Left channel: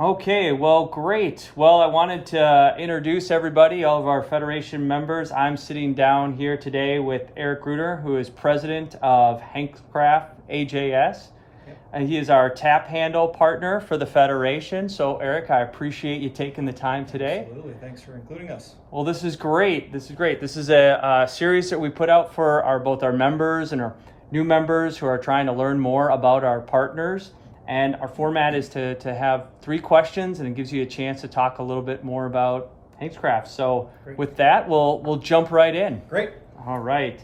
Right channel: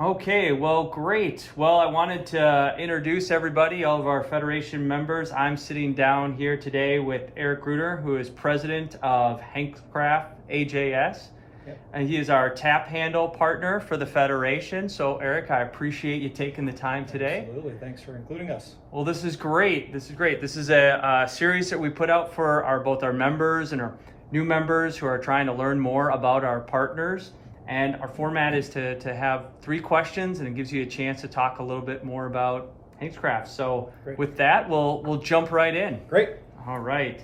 Okay, well, great. Well, I wanted to introduce everybody, all of our Federation members. I'm sitting down here today with Eric Gruener, who is president of Hankscraft AJS. Yep. And he is our tap handle partner for the Federation. So, Eric, I appreciate you taking the time today. Absolutely. Thanks for including us. Well, this is great. This is great. This is a series that we put out for both our members and our new members who are trying to learn more about our partners. And our format is to have 3 questions, and it gives you a chance to talk a little bit more about Hankscraft. So Great. with that, we'll jump right in. Great. All right.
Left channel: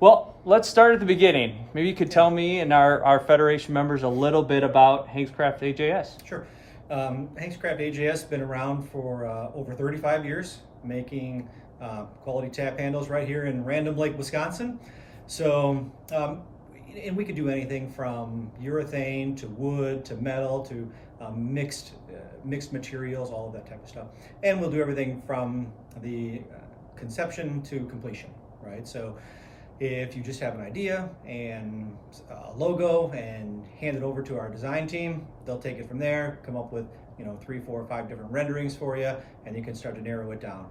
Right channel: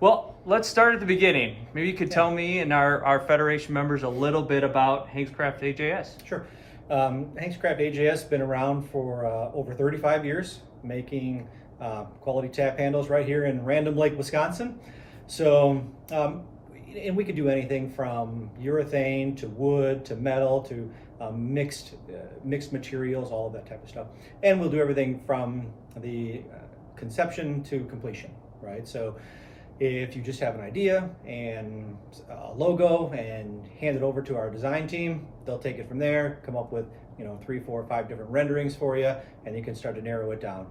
Well, let's start at the beginning. Maybe you could tell me and our Federation members a little bit about Hankscraft AJS. Sure. Hankscraft AJS has been around for over 35 years, making quality tap handles right here in Random Lake, Wisconsin. So, and we could do anything from urethane to wood to metal to mixed materials, all of that type of stuff. And we'll do everything from the conception to completion, right? So if you just have an idea and a logo and hand it over to our design team, they'll take it from there, come up with 3, 4, 5 different renderings for you, and you can start to narrow it down.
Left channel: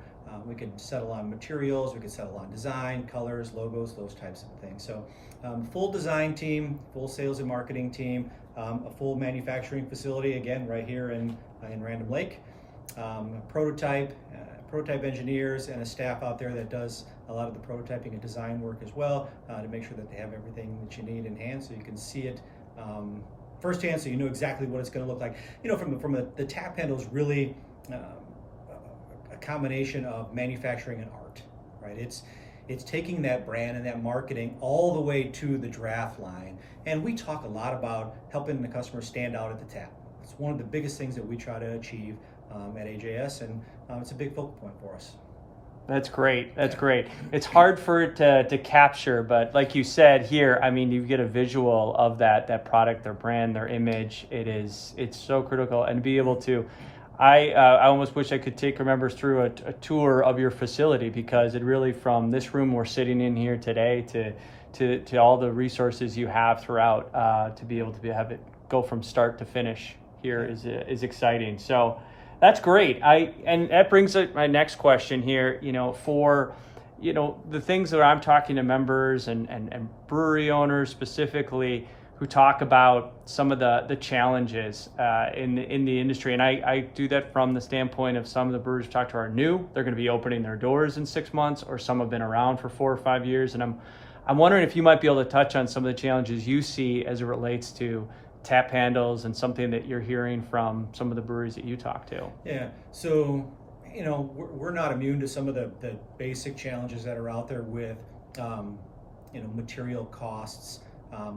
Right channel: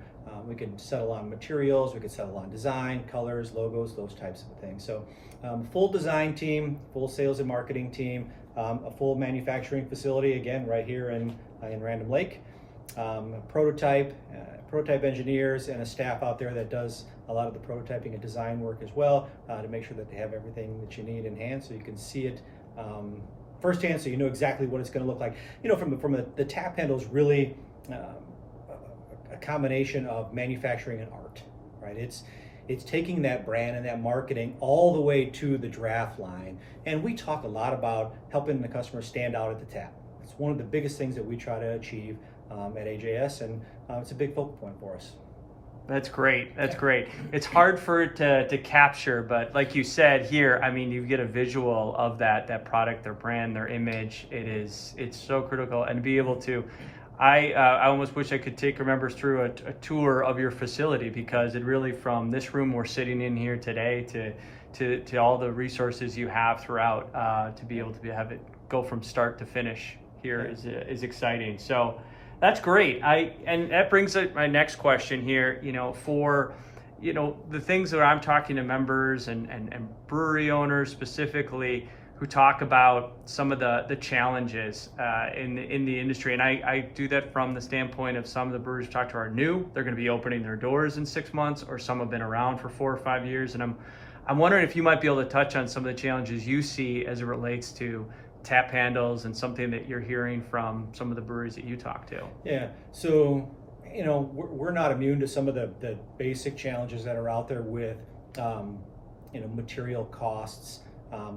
We could settle on materials, we could settle on design, colors, logos, those types of things. So full design team, full sales and marketing team, a full manufacturing facility, again, right here in Random Lake, prototype engineers, and a staff out there that does a lot of the prototyping and design work as well, to make sure that they have everything that you need in hand so you can see it firsthand, so you know exactly what it's going to look like. From the tap handle is really a combination of manufacturing and art, right? It's taking that brand and that marketing all the way to the draft line. And we talk a lot about helping the customer stand out at the tap. It's one of the biggest things that we try to achieve at AJS, and it's a big focal point for us. That's great. That's great. It's hard for it to capture, but like you said here, I mean, you get a visual of that product, their brand, their image. It's so critical, and to be able to, I almost wish I could take our members through a tour of your facility, because it really, from this room we're sitting in here today to all the resources you have throughout, to be able to have it go from start to finish here is exciting. So that's great. And that brings up my next question here. For the things that I'm talking to members and brewery owners specifically, who talk about some of the challenges in the industry. And I do that from the standpoint of some of the brewers we talk to are new. They're going to be opening their doors in 6 months, or some have been around for 4 or 5 years. And I'm wondering if you might be able to touch on some of the challenges you see as it relates to tap handles, and something that you're hearing from some of the breweries that you talk to. Yeah, so we're not immune to some of the basic challenges that are out there with material costs,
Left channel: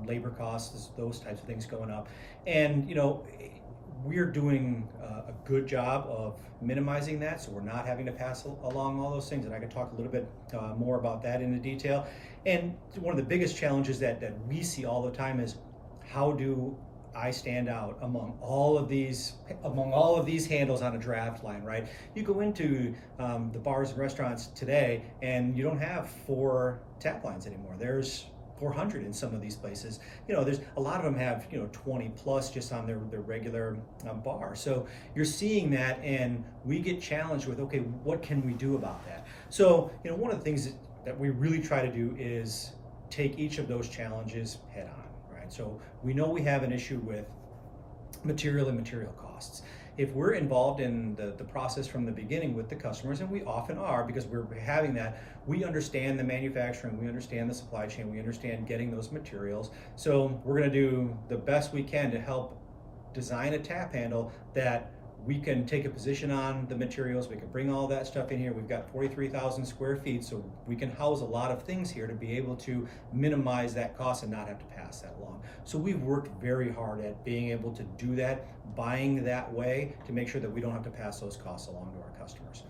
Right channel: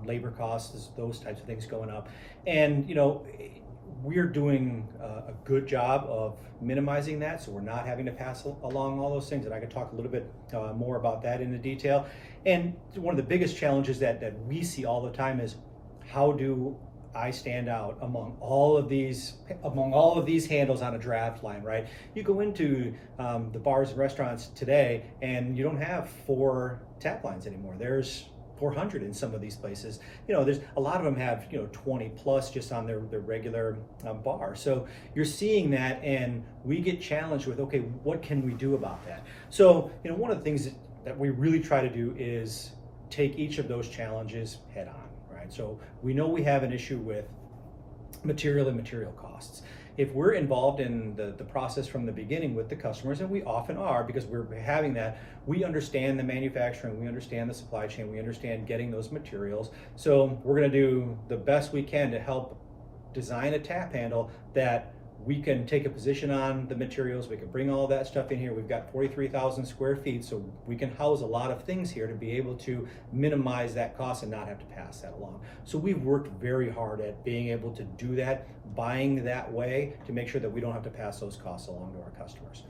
labor costs, those types of things going up. And we're doing a good job of minimizing that, so we're not having to pass along all those things. And I could talk a little bit more about that in the detail. And one of the biggest challenges that we see all the time is, how do I stand out among all of these handles on a draft line, right? You go into the bars and restaurants today, and you don't have 4 tap lines anymore. There's 400 in some of these places. There's a lot of them have 20 plus just on their regular bar. So you're seeing that, and we get challenged with, okay, what can we do about that? So one of the things that we really try to do is take each of those challenges head on. So we know we have an issue with material and material costs. If we're involved in the process from the beginning with the customers, and we often are, because we're having that, we understand the manufacturing, we understand the supply chain, we understand getting those materials. So we're going to do the best we can to help design a tap handle that we can take a position on the materials. We can bring all that stuff in here. We've got 43,000 square feet, so we can house a lot of things here to be able to minimize that cost and not have to pass that along. So we've worked very hard at being able to do that, buying that way, to make sure that we don't have to pass those costs along to our customers.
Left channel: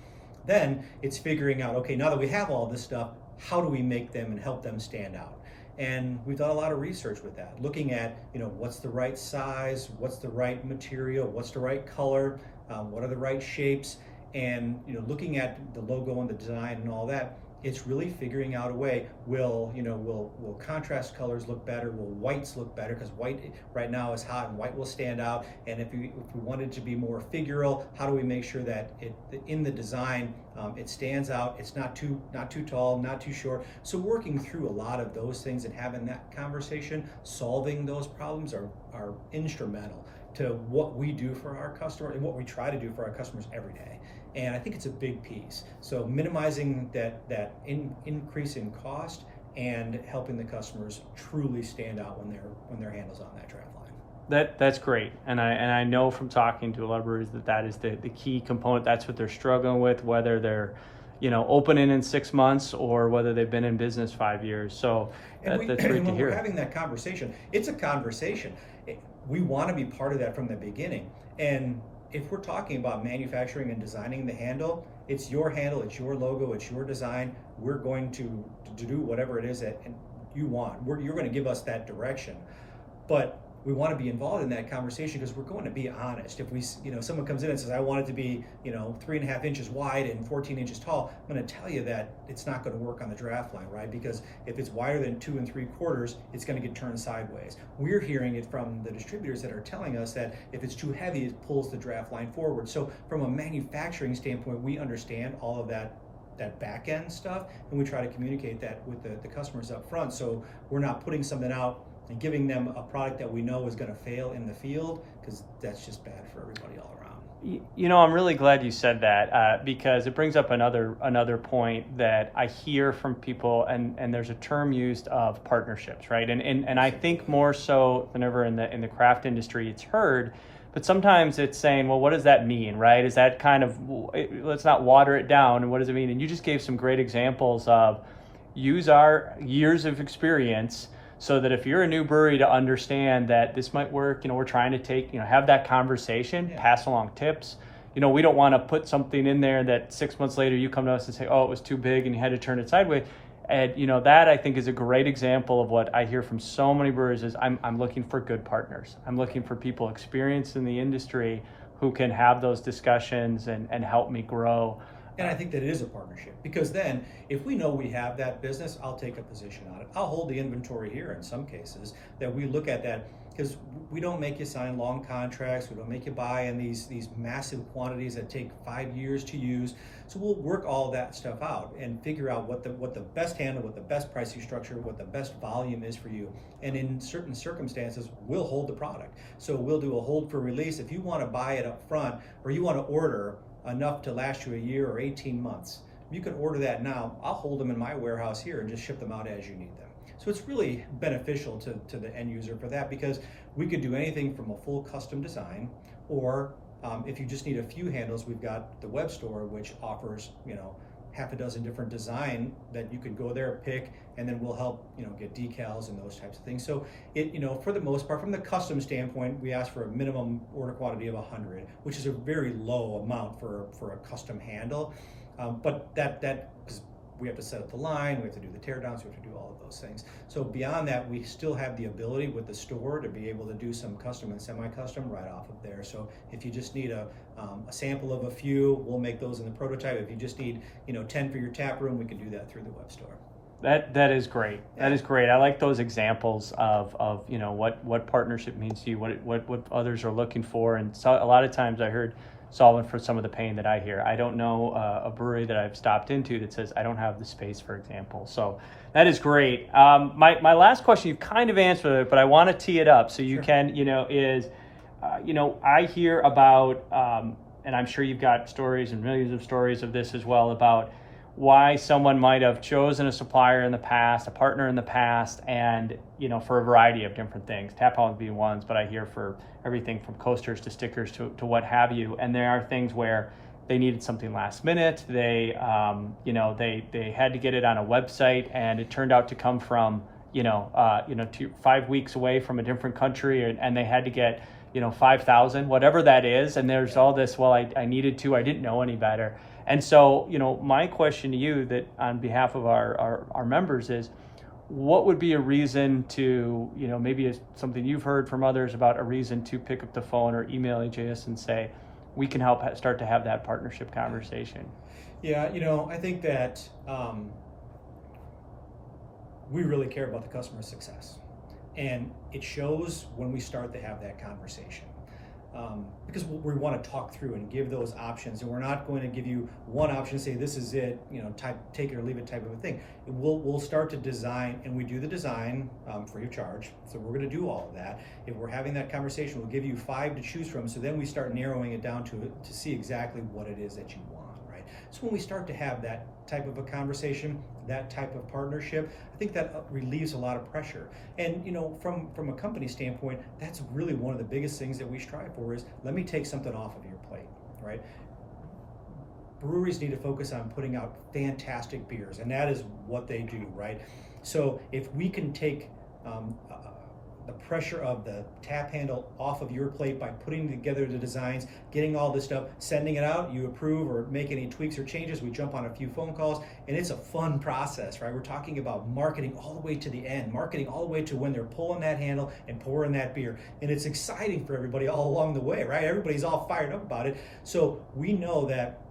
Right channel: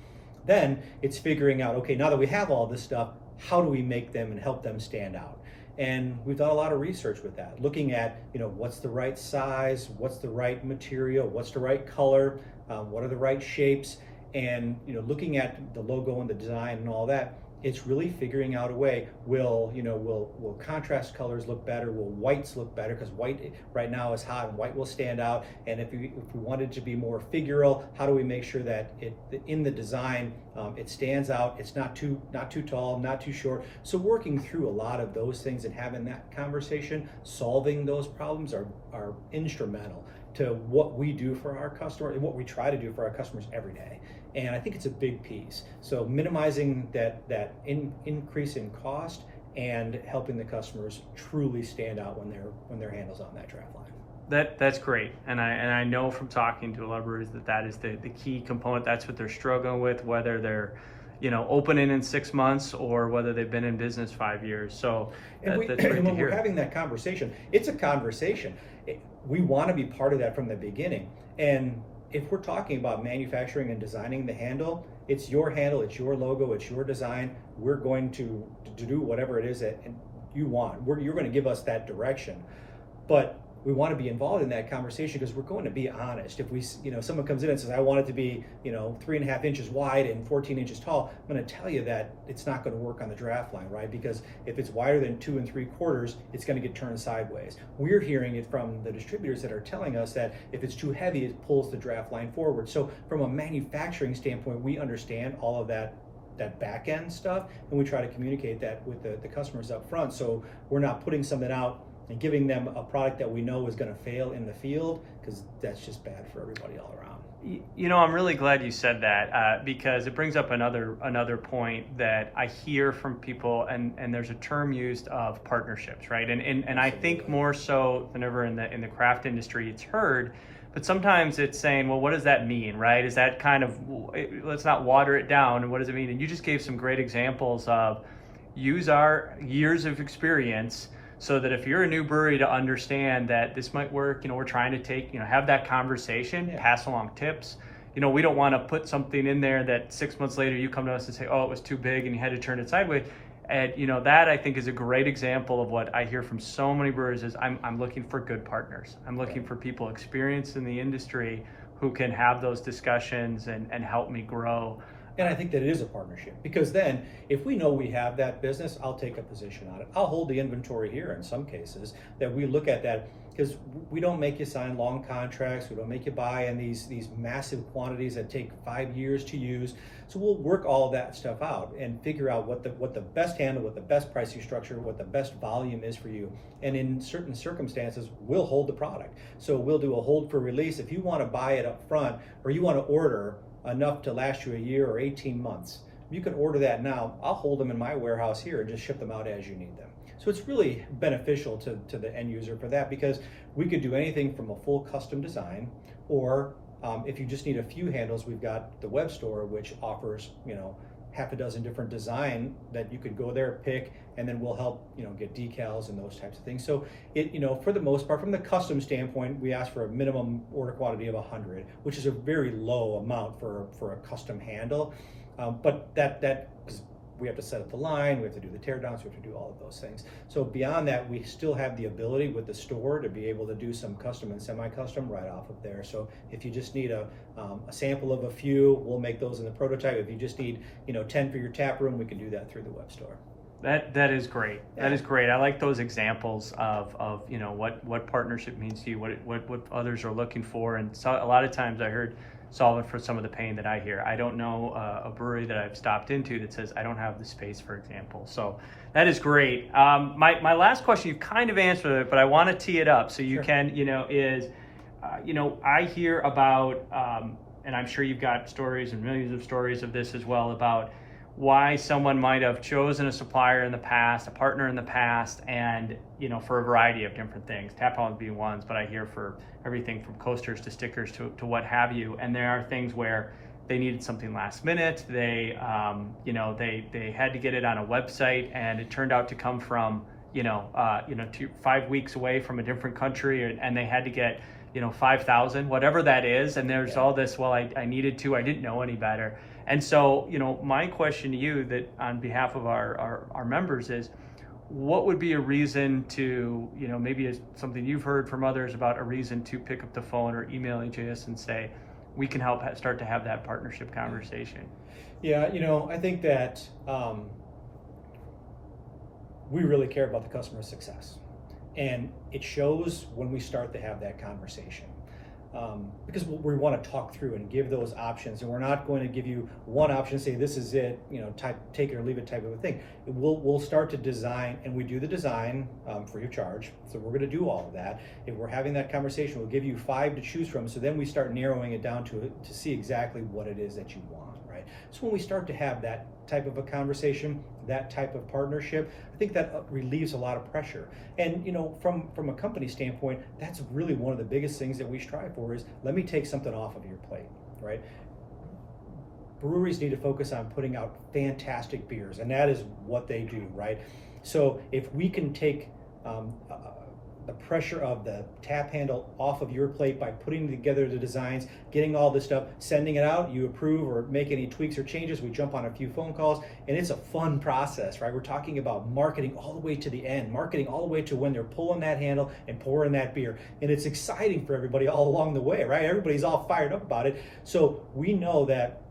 Then it's figuring out, okay, now that we have all this stuff, how do we make them and help them stand out? And we've done a lot of research with that, looking at, what's the right size, what's the right material, what's the right color, what are the right shapes, and looking at the logo and the design and all that. It's really figuring out a way. Will contrast colors look better? Will whites look better? Because white right now is hot, and white will stand out. And if we wanted to be more figural, how do we make sure that in the design it stands out? It's not too tall, not too short. So working through a lot of those things and having that conversation, solving those problems are instrumental to what we do for our customer and what we try to do for our customers every day. And I think it's a big piece. So minimizing that increase in cost and helping the customers truly stand out when their handle's on that draft line. That's great, and I know from talking to a lot of breweries that is the key component. That's what they're struggling with, whether they're opening in 6 months or whether they've been in business 5 years. So and when we're having that conversation, it's a conversation. We want to be part of that from the beginning. And if we're talking about manufacturing and designing the handle, it's your handle, it's your logo, it's your design. We're going to do whatever it is that you want. You're going to give us that direction. But we want to be involved in that conversation because we're going to be honest. If someone comes in and says, I want it to be 3.5 inches wide and 14 inches tall, I'm going to tell you that it's not going to work on the draft line, right? Because if it's wider than 2 3/4, it's going to get turned sideways. We're hearing it from the distributors that are telling us that if it's too heavy, it pulls the draft line forward. So from a manufacturing standpoint, we understand all of that back end stuff, and we try to communicate that with the customers up front. So we're not putting something out and giving them a product that we know is going to fail in the field, because that's just bad for everybody all around. I'm really glad you said that because it brings up another point that I hear from people, and there's a term used of partnerships, right? And I think more so than ever in the craft industry, it's heard, but sometimes it's saying, well, what does that mean, right? Is that kind of, let's not water it down, and what does it mean? And you just gave some great examples of use our years of experience, so that if you're a new brewery, to understand that this might work. We're trying to have that conversation, pass along tips. We don't want to put something in there that 6 months later you come to us and say, oh, it was too big and you had to turn it sideways. And that I think is a great example of what I hear from so many breweries is I'm looking for good partners. I'm looking for people experienced in the industry who can have those discussions and help me grow. And I think that it is a partnership, because then if we know we have that business, I'll take a position on it. I'll hold the inventory here in some cases, that we look at that, because we don't make you sign long contracts. We don't make you buy in these massive quantities that take 5 years to use. So we'll work all of that stuff out and figure out what the best handle, what the best pricing structure, what the best volume is for you. And in certain circumstances, we'll hold the product. So we'll do a hold for release. If you want to buy it up front, or you want to order enough to last you a year or 18 months. You can order that now. I'll hold them in my warehouse here and just ship them out as you need them. So it's really beneficial to the end user for that, because we could do anything from a full custom design, or if you just need a few handles, we've got the web store, which offers half a dozen different design that you can go there, pick, and then we'll help get decals and those types of things. So it for the most part, from the custom standpoint, we ask for a minimum order quantity of 100, which is a very low amount for a custom handle. But that because we have to set up the line, we have to do the teardowns, we have to do all of those things. So beyond that, we still have the ability with the store to be able to do some custom and semi-custom right off of there. So if you just need a sample of a few, we'll make those in the prototype. If you just need 10 for your tap room, we can do that through the web store. That is great. Yeah. That is great. I like those examples of what partnership means to you, what others are looking for, and so a lot of times I heard solving for some of the pain that I hear. I don't know a brewery that I've stopped into that says I don't have the space, for example. So that is great. My last question, you've kind of answered it, but I want to tee it up so you can I hear about and I'm sure you've got stories and millions of stories of this as well, about why someone might have chosen a supplier in the past, a partner in the past, and for a variety of different things, tap handles being ones, but I hear for everything from coasters to stickers to what have you. And there are things where they needed something last minute. They they had to get it on a website, and it turned out to come from 5 weeks away from a different country, and they had to get 5,000, whatever that is. And there's all this, well, I needed to, I didn't know any better. And so, my question to you, that on behalf of our members, is what would be a reason to, maybe it's something you've heard from others about, a reason to pick up the phone or email AJS and say, we can help start to have that partnership conversation? Yeah, I think that we really care about the customer's success. And it shows when we start to have that conversation. Because we want to talk through and give those options, and we're not going to give you one option, say this is it, take it or leave it type of a thing. We'll start to design, and we do the design free of charge. So we're going to do all of that. If we're having that conversation, we'll give you 5 to choose from. So then we start narrowing it down to see exactly what it is that you want, right? So when we start to have that type of a conversation, that type of partnership, I think that relieves a lot of pressure. And from a company standpoint, that's really one of the biggest things that we strive for is, let me take something off of your plate, right? Breweries need to focus on putting out fantastic beers, and that is what they do, right? So if we can take the pressure of the tap handle off of your plate by putting together the designs, getting all this stuff, sending it out, you approve or make any tweaks or changes, we jump on a few phone calls, and it's a fun process, right? We're talking about marketing all the way to the end, marketing all the way to when they're pulling that handle and pouring that beer. And it's exciting for everybody all along the way, right? Everybody's all fired up about it. So we know that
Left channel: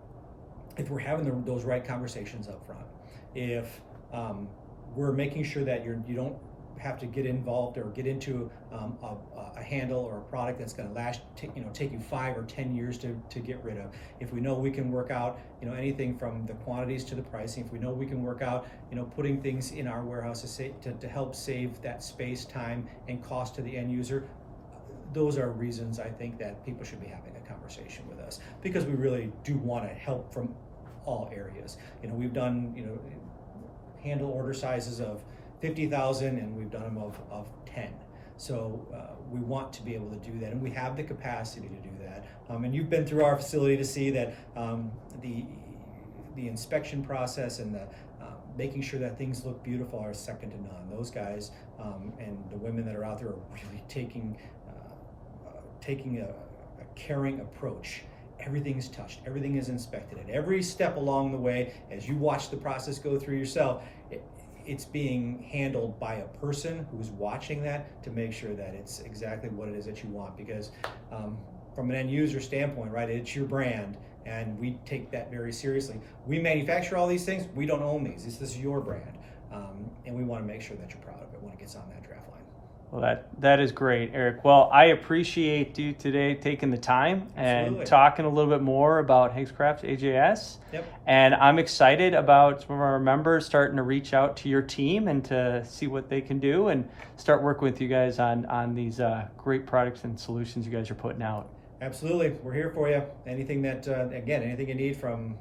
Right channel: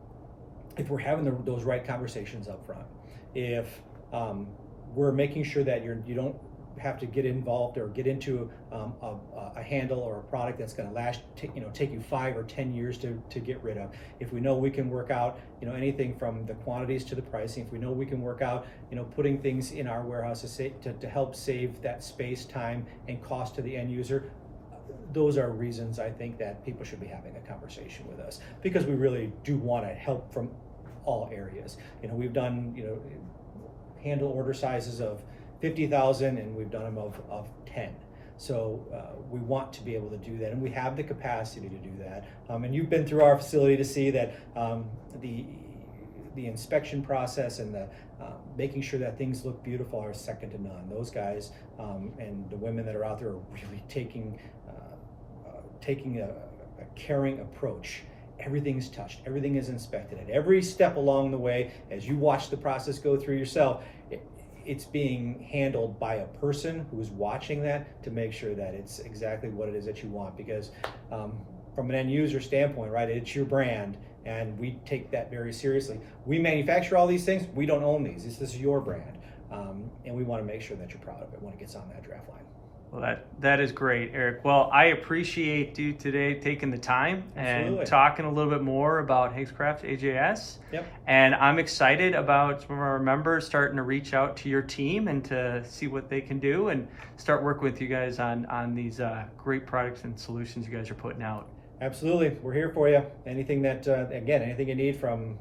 if we're having those right conversations up front, if we're making sure that you don't have to get involved or get into a handle or a product that's going to take you 5 or 10 years to get rid of. If we know we can work out anything from the quantities to the pricing, if we know we can work out putting things in our warehouse to help save that space, time, and cost to the end user, those are reasons I think that people should be having a conversation with us, because we really do want to help from all areas. We've done handle order sizes of 50,000, and we've done them of 10. So we want to be able to do that, and we have the capacity to do that. And you've been through our facility to see that the inspection process and the making sure that things look beautiful are second to none. Those guys and the women that are out there are really taking a caring approach. Everything's touched, everything is inspected. At every step along the way, as you watch the process go through yourself, it's being handled by a person who's watching that to make sure that it's exactly what it is that you want. Because from an end user standpoint, right, it's your brand, and we take that very seriously. We manufacture all these things. We don't own these. This is your brand, and we want to make sure that you're proud of it when it gets on that draft line. Well, that is great, Eric. Well, I appreciate you today taking the time Absolutely. and talking a little bit more about Hankscraft AJS. Yep. And I'm excited about some of our members starting to reach out to your team and to see what they can do and start working with you guys on these great products and solutions you guys are putting out. Absolutely. We're here for you. Anything that, anything you need from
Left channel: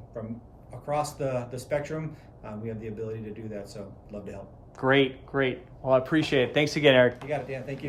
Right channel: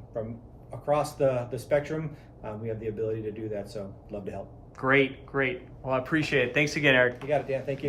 across the spectrum, we have the ability to do that. So love to help. Great. Well, I appreciate it. Thanks again, Eric. You got it, Dan. Thank you.